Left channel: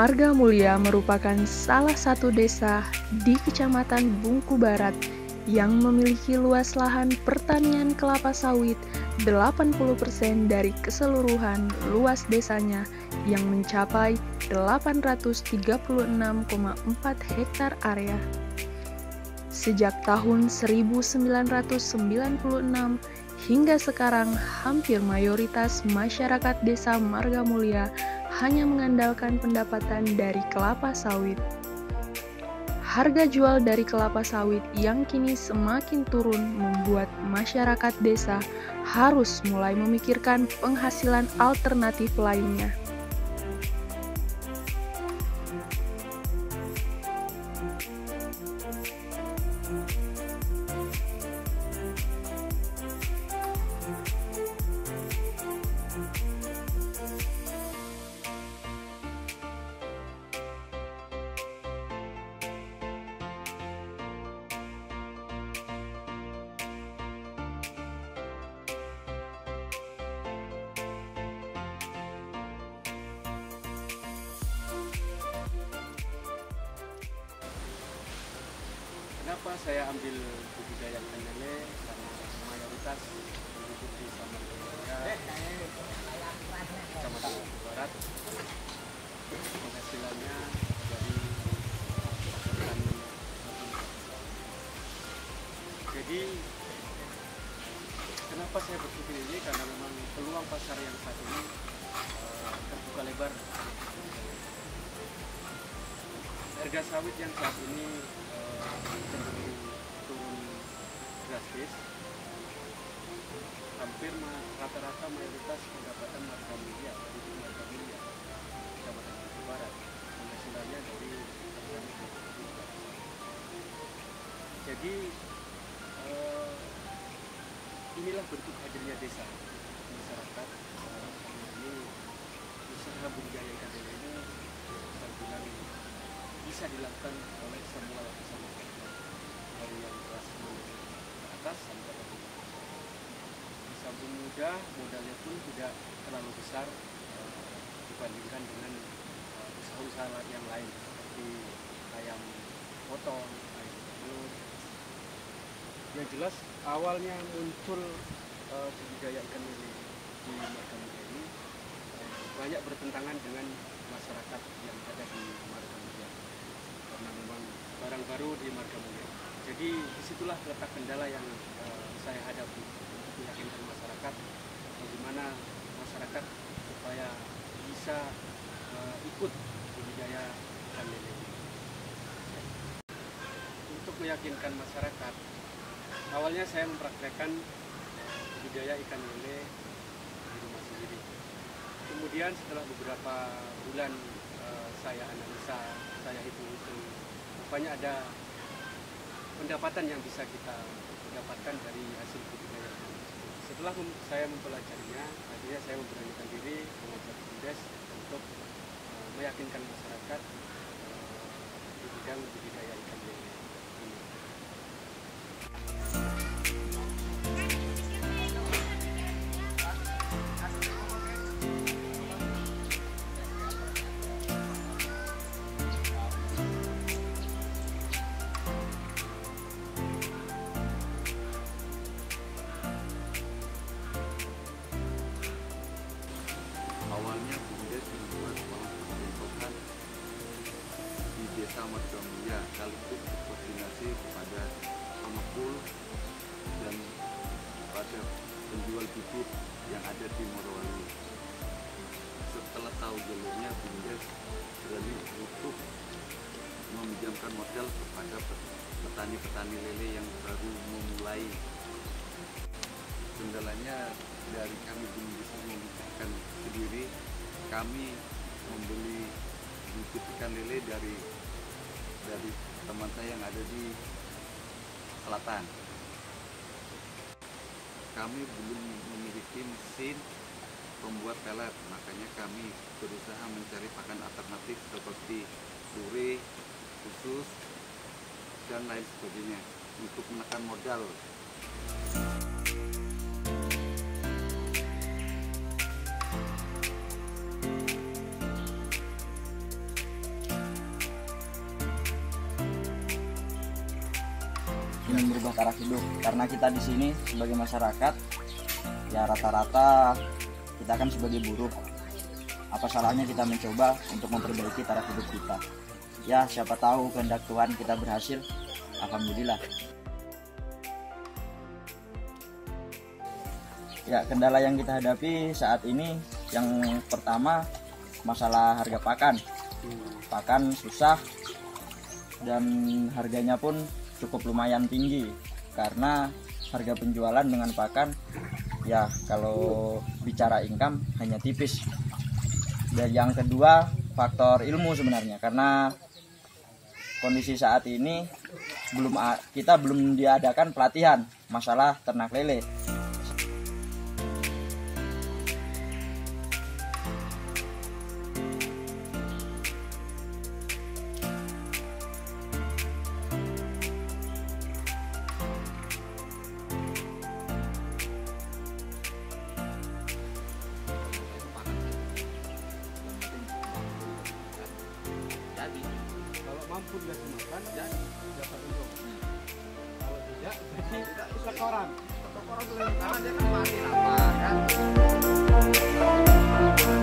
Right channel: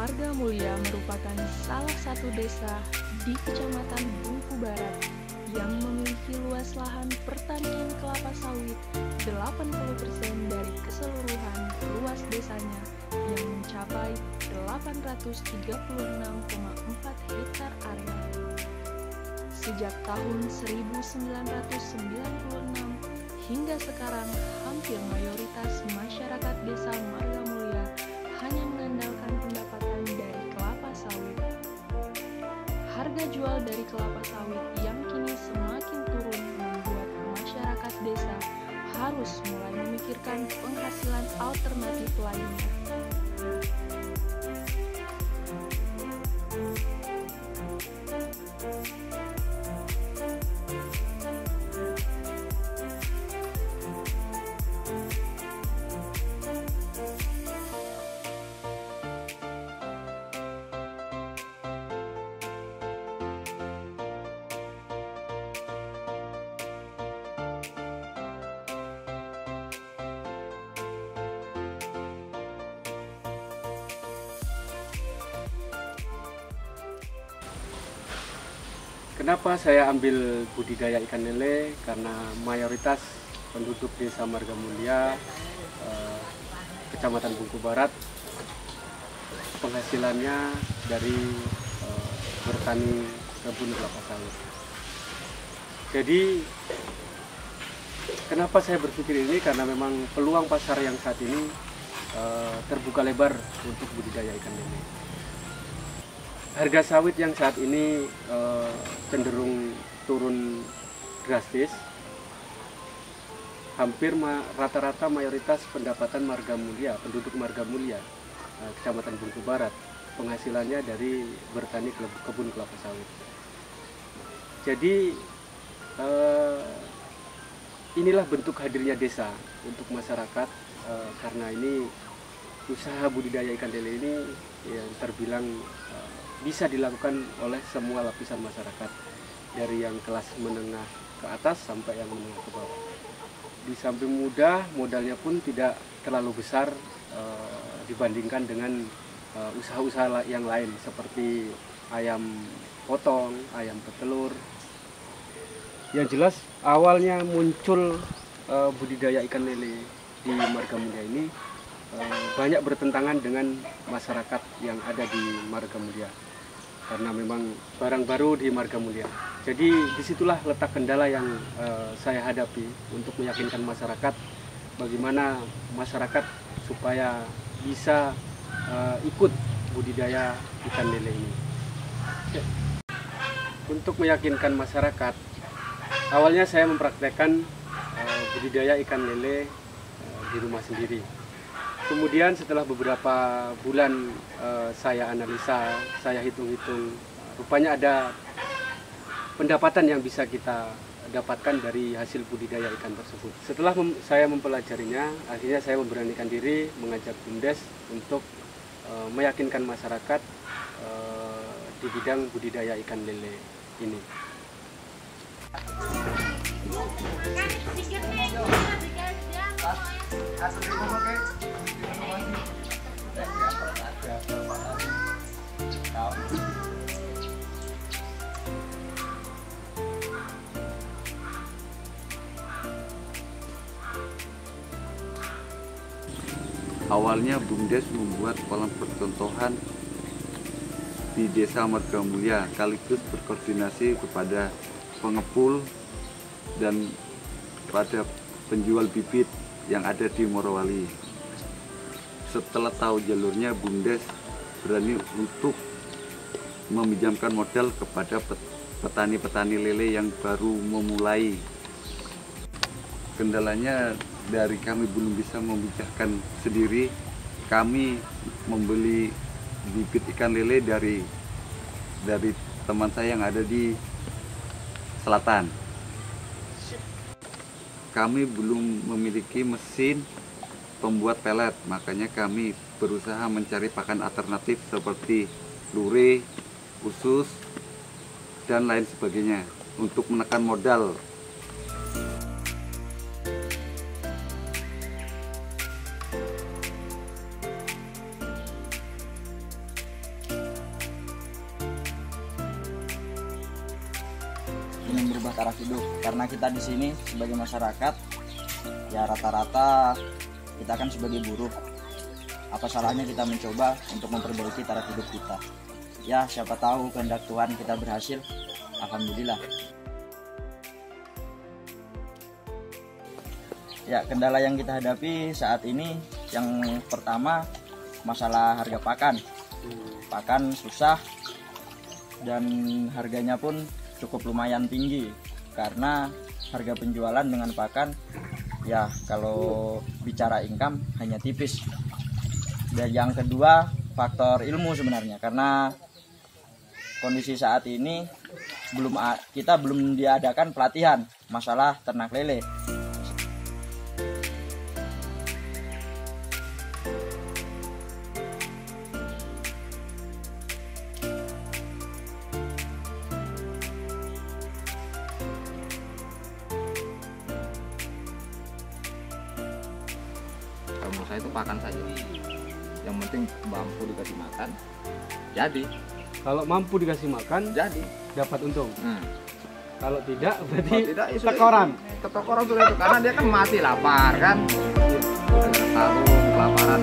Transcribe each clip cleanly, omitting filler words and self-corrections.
Marga Mulia merupakan salah satu desa di Kecamatan Bungku Barat yang memiliki luas lahan pertanian kelapa sawit 80% dari keseluruhan luas desanya yang mencapai 836,4 hektar area. Sejak tahun 1996 hingga sekarang, hampir mayoritas masyarakat desa Marga Mulia hanya mengandalkan pendapatan dari kelapa sawit. Harga jual dari kelapa sawit yang kini semakin turun membuat masyarakat desa harus mulai memikirkan penghasilan alternatif lainnya. Kenapa saya ambil budidaya ikan lele? Karena mayoritas penduduk desa Marga Mulia, Kecamatan Bungku Barat, penghasilannya dari bertani kebun kelapa sawit. Jadi kenapa saya berpikir ini? Karena memang peluang pasar yang saat ini terbuka lebar untuk budidaya ikan lele. Harga sawit yang saat ini cenderung turun drastis. Hampir rata-rata mayoritas pendapatan Marga Mulia, penduduk Marga Mulia, Kecamatan Bungku Barat, penghasilannya dari bertani kebun kelapa sawit. Jadi inilah bentuk hadirnya desa untuk masyarakat, karena ini usaha budidaya ikan lele ini ya, terbilang bisa dilakukan oleh semua lapisan masyarakat, dari yang kelas menengah ke atas sampai yang menengah ke bawah. Di samping mudah, modalnya pun tidak terlalu besar dibandingkan dengan usaha-usaha yang lain seperti ayam potong, ayam petelur. Yang jelas awalnya muncul budidaya ikan lele di Marga Mulia ini banyak bertentangan dengan masyarakat yang ada di Marga Mulia, karena memang barang baru di Marga Mulia. Jadi disitulah letak kendala yang saya hadapi untuk meyakinkan masyarakat bagaimana masyarakat supaya bisa ikut budidaya ikan lele ini. Untuk meyakinkan masyarakat, awalnya saya mempraktekkan budidaya ikan lele di rumah sendiri. Kemudian setelah beberapa bulan saya analisa, saya hitung-hitung, rupanya ada pendapatan yang bisa kita dapatkan dari hasil budidaya ikan tersebut. Setelah saya mempelajarinya, akhirnya saya memberanikan diri mengajak BUMDes untuk meyakinkan masyarakat di bidang budidaya ikan lele ini. Awalnya BUMDes membuat kolam percontohan di Desa Marga Mulia, sekaligus berkoordinasi kepada pengepul dan pada penjual bibit yang ada di Morowali. Setelah tahu jalurnya, BUMDes berani untuk meminjamkan modal kepada petani-petani lele yang baru memulai. Kendalanya dari kami belum bisa memijahkan sendiri. Kami membeli bibit ikan lele dari teman saya yang ada di selatan. Kami belum memiliki mesin pembuat pelet, makanya kami berusaha mencari pakan alternatif seperti lure, usus, dan lain sebagainya untuk menekan modal. merubah taraf hidup, karena kita di sini sebagai masyarakat ya rata-rata kita kan sebagai buruh. Apa salahnya kita mencoba untuk memperbaiki taraf hidup kita? Ya siapa tahu kehendak Tuhan kita berhasil. Alhamdulillah. Ya, kendala yang kita hadapi saat ini yang pertama masalah harga pakan. Pakan susah dan harganya pun cukup lumayan tinggi karena harga penjualan dengan pakan ya kalau bicara income hanya tipis. Dan yang kedua faktor ilmu sebenarnya, karena kondisi saat ini kita belum diadakan pelatihan masalah ternak lele. Kalau saya itu pakan saja, yang penting mampu dikasih makan jadi. Kalau mampu dikasih makan, Jadi dapat untung. Kalau tidak, kalau berarti tidak ya sudah tekoran. itu. Tekoran sudah itu karena dia kan mati lapar kan. Kelaparan.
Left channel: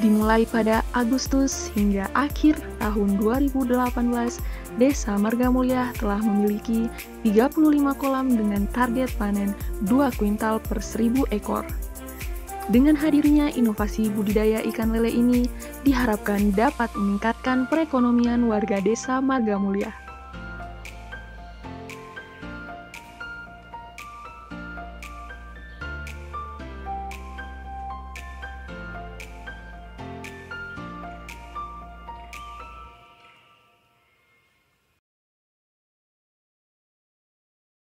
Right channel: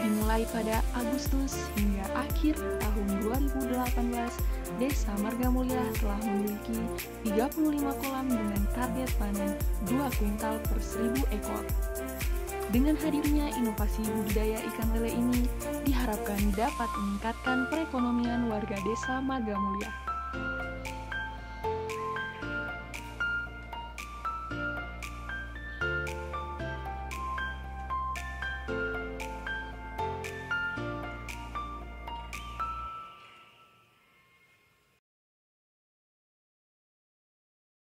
Dimulai pada Agustus hingga akhir tahun 2018, Desa Margamulya telah memiliki 35 kolam dengan target panen 2 kuintal per 1000 ekor. Dengan hadirnya inovasi budidaya ikan lele ini, diharapkan dapat meningkatkan perekonomian warga Desa Margamulya.